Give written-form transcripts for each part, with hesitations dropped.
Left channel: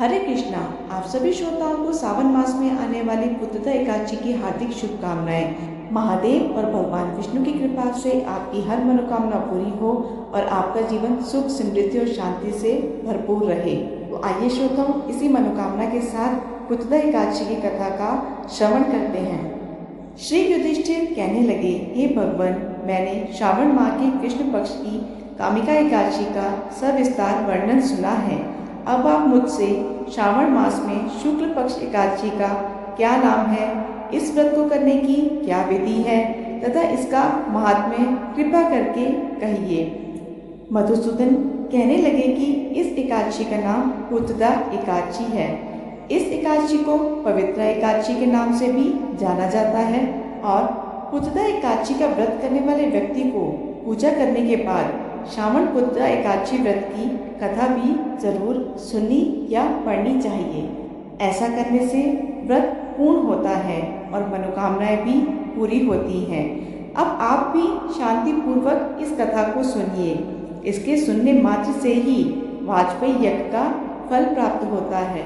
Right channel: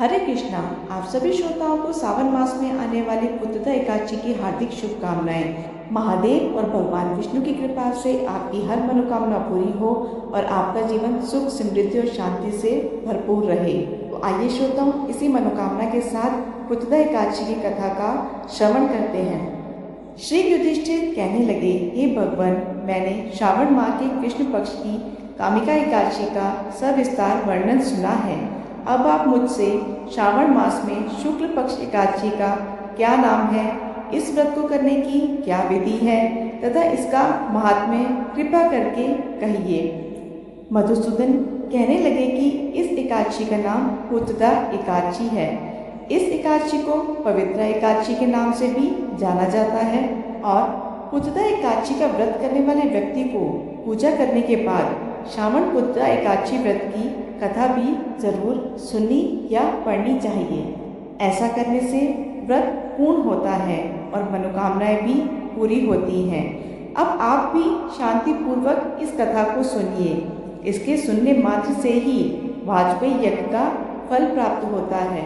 हरे कृष्णा। आप सभी श्रोताओं को सावन मास में आने वाली पुत्रदा एकादशी की हार्दिक शुभकामनाएं। महादेव और भगवान विष्णु की कृपा से आपकी हर मनोकामना पूरी हो और आपका जीवन सुख, समृद्धि और शांति से भरपूर रहे। तो आइए श्रोताओं, इसी मनोकामना के साथ पुत्रदा एकादशी की कथा का श्रवण करते हैं। श्री युधिष्ठिर कहने लगे, हे भगवान, मैंने श्रावण माह के कृष्ण पक्ष की कामिका एकादशी का सविस्तार वर्णन सुना है। अब आप मुझसे श्रावण मास में शुक्ल पक्ष एकादशी का क्या नाम है, इस व्रत को करने की क्या विधि है तथा इसका महात्म्य कृपा करके कहिए। मधुसूदन कहने लगे कि इस एकादशी का नाम पुत्रदा एकादशी है। इस एकादशी को पवित्रा एकादशी के नाम से भी जाना जाता है और पुत्रदा एकादशी का व्रत करने वाले व्यक्ति को पूजा करने के बाद श्रावण पुत्रदा एकादशी व्रत की कथा भी जरूर सुननी या पढ़नी चाहिए। ऐसा करने से व्रत पूर्ण होता है और मनोकामनाएं भी पूरी होती हैं। अब आप भी शांति पूर्वक इस कथा को सुनिए। इसके सुनने मात्र से ही वाजपेयी यज्ञ का फल प्राप्त होता है।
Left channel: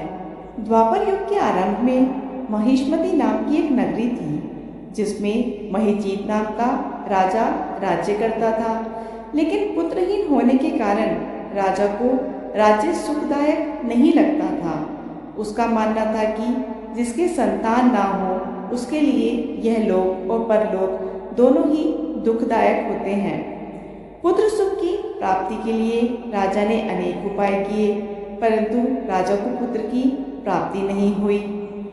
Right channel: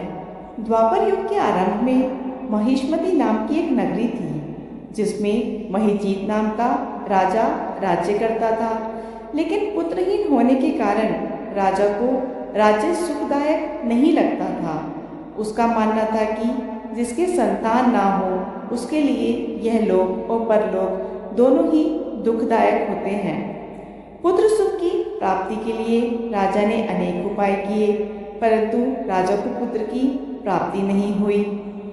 द्वापर युग के आरंभ में महिष्मती नाम की एक नगरी थी, जिसमें महिजीत नाम का राजा राज्य करता था। लेकिन पुत्रहीन होने के कारण राजा को राज्य सुखदायक नहीं लगता था। उसका मानना था कि जिसके संतान ना हो उसके लिए यह लोक और परलोक दोनों ही दुखदायक होते हैं। पुत्र सुख की प्राप्ति के लिए राजा ने अनेक उपाय किए, परंतु राजा को पुत्र की प्राप्ति नहीं हुई।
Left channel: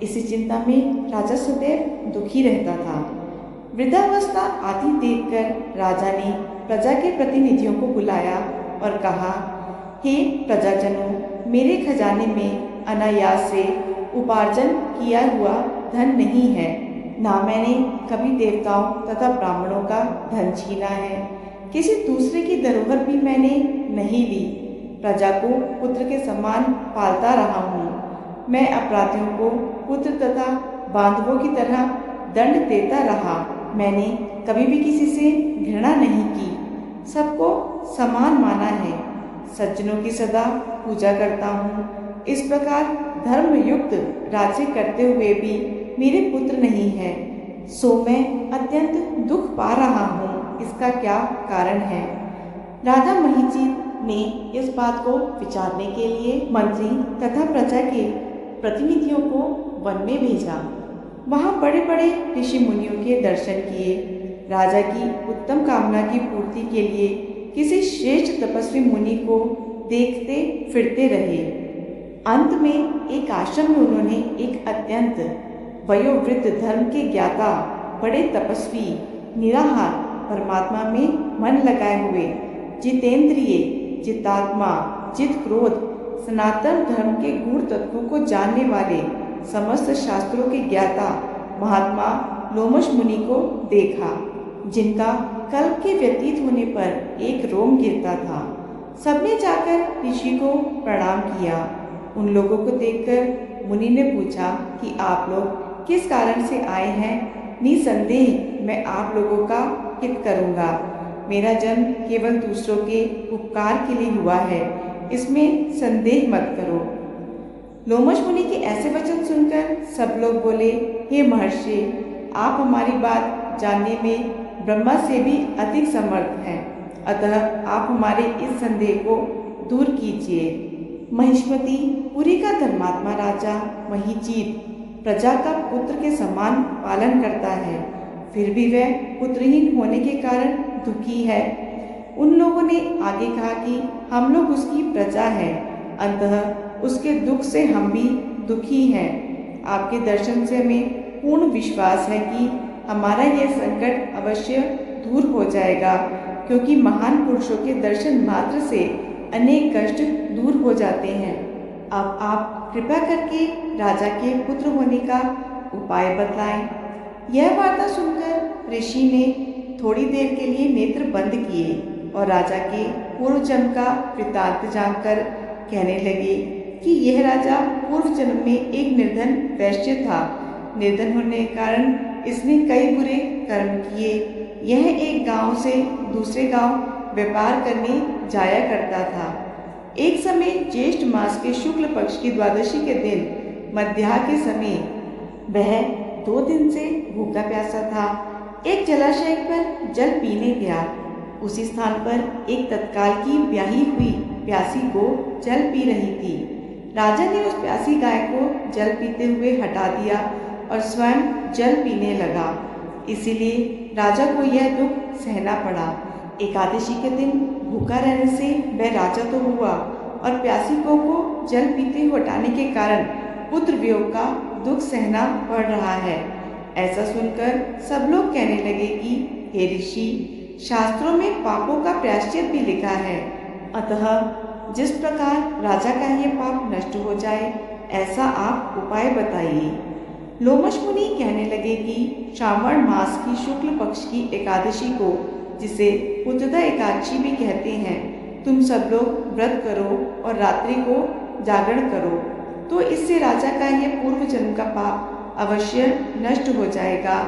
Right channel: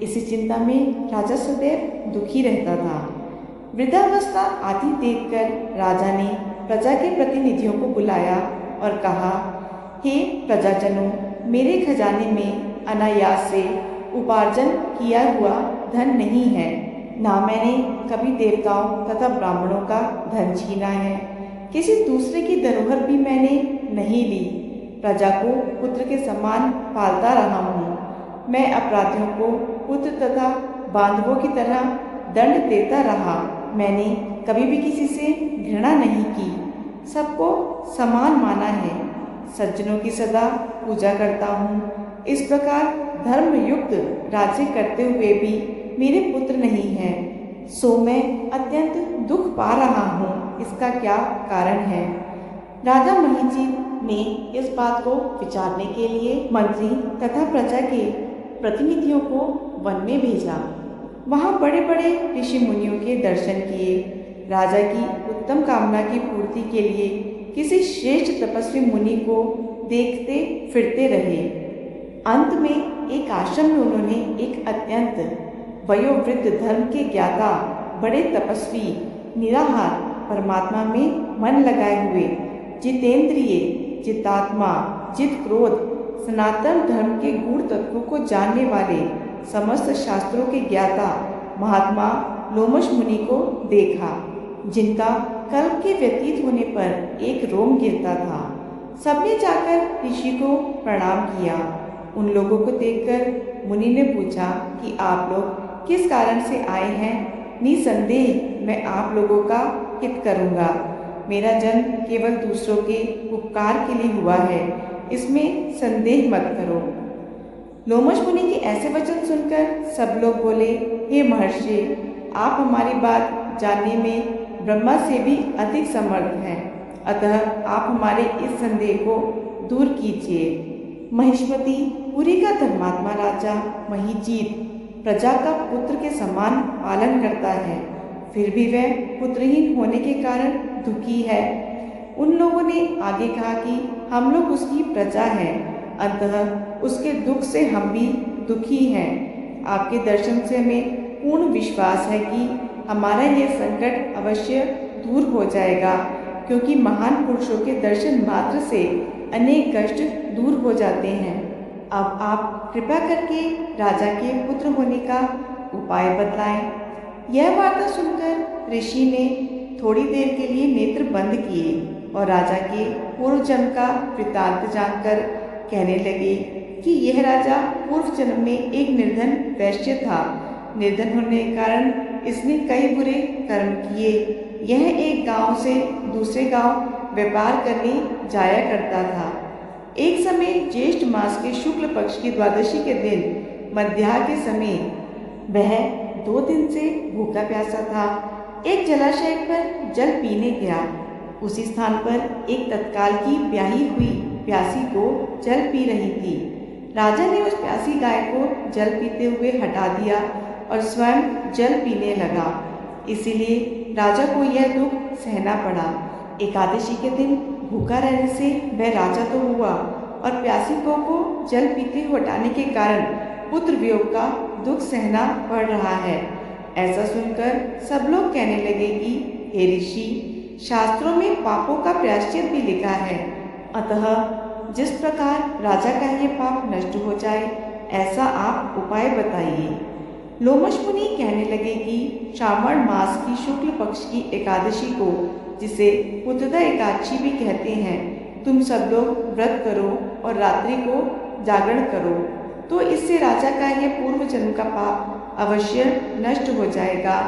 इसी चिंता में राजा सदैव दुखी रहता था। वृद्धावस्था आती देखकर राजा ने प्रजा के प्रतिनिधियों को बुलाया और कहा, हे प्रजाजनों, मेरे खजाने में अनायास से उपार्जन किया हुआ धन नहीं है, ना मैंने कभी देवताओं तथा ब्राह्मणों का धन छीना है। किसी दूसरे की धरोहर भी मैंने नहीं ली। प्रजा को पुत्र के समान पालता रहा हूँ। मैं अपराधियों को पुत्र तथा बांधवों की तरह दंड देता रहा। मैंने कभी भी किसी से घृणा नहीं की, सबको समान माना है। सज्जनों की सदा पूजा करता हूँ। इस प्रकार धर्मयुक्त राज्य करते हुए भी मेरे पुत्र नहीं है, सो मैं अत्यंत दुख पा रहा हूँ। इसका क्या कारण है? राजा महिजीत ने इस बात को विचारने के लिए मंत्री तथा प्रजा के प्रतिनिधियों को वन में भेजा। वहाँ बड़े बड़े ऋषि मुनियों के दर्शन किए। राजा की उत्तम कामना की पूर्ति के लिए किसी श्रेष्ठ तपस्वी मुनि को देखते फिरते रहे। अंत में एक आश्रम में उन्होंने एक अत्यंत वयोवृद्ध धर्म के ज्ञाता, बड़े तपस्वी, निराहार, परमात्मा में मन लगाए हुए, जितेंद्रिय, जितात्मा, जित क्रोध, सनातन धर्म के गूढ़ तत्वों को जानने वाले, समस्त शास्त्रों के ज्ञाता महात्मा लोमश मुनि को देखा, जिनका कल्प के व्यतीत होने पर एक रोम गिरता था। सबने जाकर ऋषि को प्रणाम किया। उन लोगों को देखकर मुनि ने पूछा कि आप लोग किस कारण से आए हैं? निसंदेह मैं आप लोगों का हित करूंगा। मेरा जन्म केवल दूसरों के उपकार के लिए हुआ है, इसमें संदेह मत करो। लोमश मुनि के ऐसे वचन सुनकर सब लोग बोले, हे महर्षि, आप हमारी बात जानने में ब्रह्मा से भी अधिक समर्थ हैं, अतः आप हमारे इस संदेह को दूर कीजिए। महिष्मती पुरी का धर्मात्मा राजा महिजीत प्रजा का पुत्र के समान पालन करता है, फिर भी वह पुत्रहीन होने के कारण दुखी है। उन लोगों ने आगे कहा कि हम लोग उसकी प्रजा हैं, अंततः उसके दुख से हम भी दुखी हैं। आपके दर्शन से हमें पूर्ण विश्वास है कि हमारा यह संकट अवश्य दूर हो जाएगा, क्योंकि महान पुरुषों के दर्शन मात्र से अनेक कष्ट दूर हो जाते हैं। अब आप कृपा करके राजा के पुत्र होने का उपाय बतलाएं। यह वार्ता सुनकर ऋषि ने थोड़ी देर के लिए नेत्र बंद किए और राजा के पूर्व जन्म का वृत्तांत जानकर कहने लगे कि यह राजा पूर्व जन्म में एक निर्धन वैश्य था। निर्धन होने के कारण इसने कई बुरे कर्म किए। यह एक गांव से दूसरे गांव व्यापार करने जाया करता था। एक समय ज्येष्ठ मास के शुक्ल पक्ष की द्वादशी के दिन मध्याह्न के समय वह 2 दिन से भूखा प्यासा था। एक जलाशय पर जल पीने गया। उसी स्थान पर एक तत्काल की ब्याही हुई प्यासी को जल पी रही थी। राजा ने उस प्यासी गाय को जल पीते हुए हटा दिया और स्वयं जल पीने लगा। इसीलिए राजा को यह दुख सहना पड़ा। एकादशी के दिन भूखा रहने से वह राजा तो हुआ और प्यासी को जल पीते हुए हटाने के कारण पुत्र वियोग का दुख सहना पड़ रहा है। ऐसा सुनकर सब लोग कहने लगे कि हे ऋषि, शास्त्रों में पापों का प्रायश्चित भी लिखा है, अतः जिस प्रकार राजा का ये पाप नष्ट हो जाए ऐसा आप उपाय बताइए। लोमश मुनि कहने लगे कि श्रावण मास की शुक्ल पक्ष की एकादशी को, जिसे पुत्रदा एकादशी भी कहते हैं, तुम सब लोग व्रत करो और रात्रि को जागरण करो, तो इससे राजा का यह पूर्व जन्म का पाप अवश्य नष्ट हो जाएगा।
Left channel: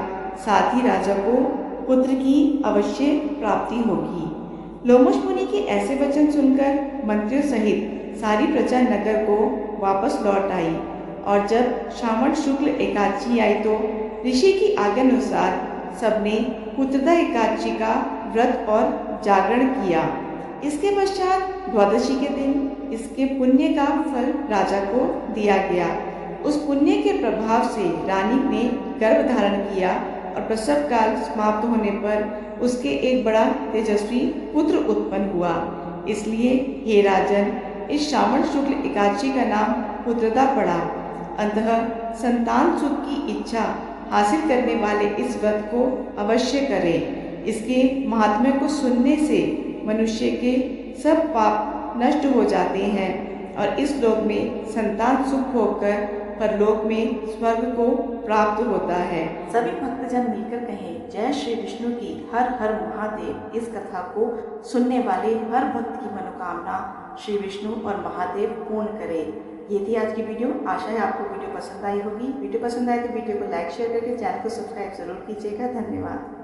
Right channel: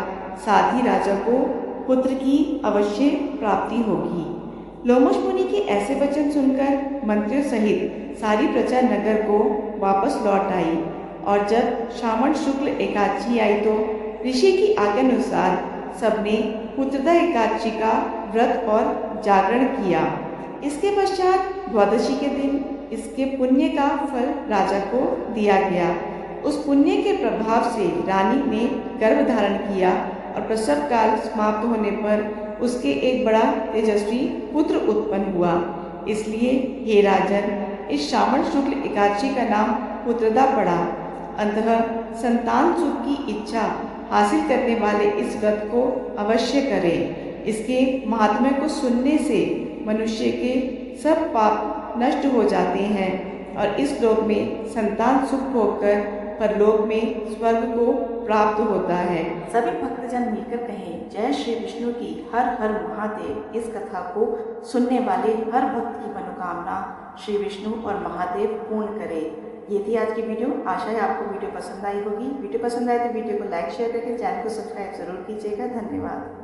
साथ ही राजा को पुत्र की अवश्य प्राप्ति होगी। लोमश मुनि के ऐसे वचन सुनकर मंत्रियों सहित सारी प्रजा नगर को वापस लौट आई और जब श्रावण शुक्ल एकादशी आई तो ऋषि की आज्ञा अनुसार सबने पुत्रदा एकादशी का व्रत और जागरण किया। इसके पश्चात द्वादशी के दिन इसके पुण्य का फल राजा को दिया गया। उस पुण्य के प्रभाव से रानी ने गर्भ धारण किया और प्रसव काल समाप्त होने पर उसके एक बड़ा तेजस्वी पुत्र उत्पन्न हुआ। इसलिए हे राजन, इस श्रावण शुक्ल एकादशी का नाम पुत्रदा पड़ा। अंतः संतान सुख की इच्छा हासिल करने वाले इस व्रत को अवश्य करें। इसके महात्म्य को सुनने से मनुष्य के सब पाप नष्ट हो जाते हैं और इस लोक में संतान सुख भोगकर परलोक में स्वर्ग को प्राप्त होता है। सभी भक्तजन मिलकर कहें, जय श्री विष्णु की हर हर महादेव। इस कथा को सुनने वाले हर भक्त की मनोकामना श्री विष्णु और महादेव पूर्ण करे। ये थी आज की वीडियो। आशा है आपको वीडियो पसंद आई होगी। वीडियो पसंद आए तो वीडियो को लाइक शेयर करके चैनल को सब्सक्राइब जरूर कीजिएगा। धन्यवाद।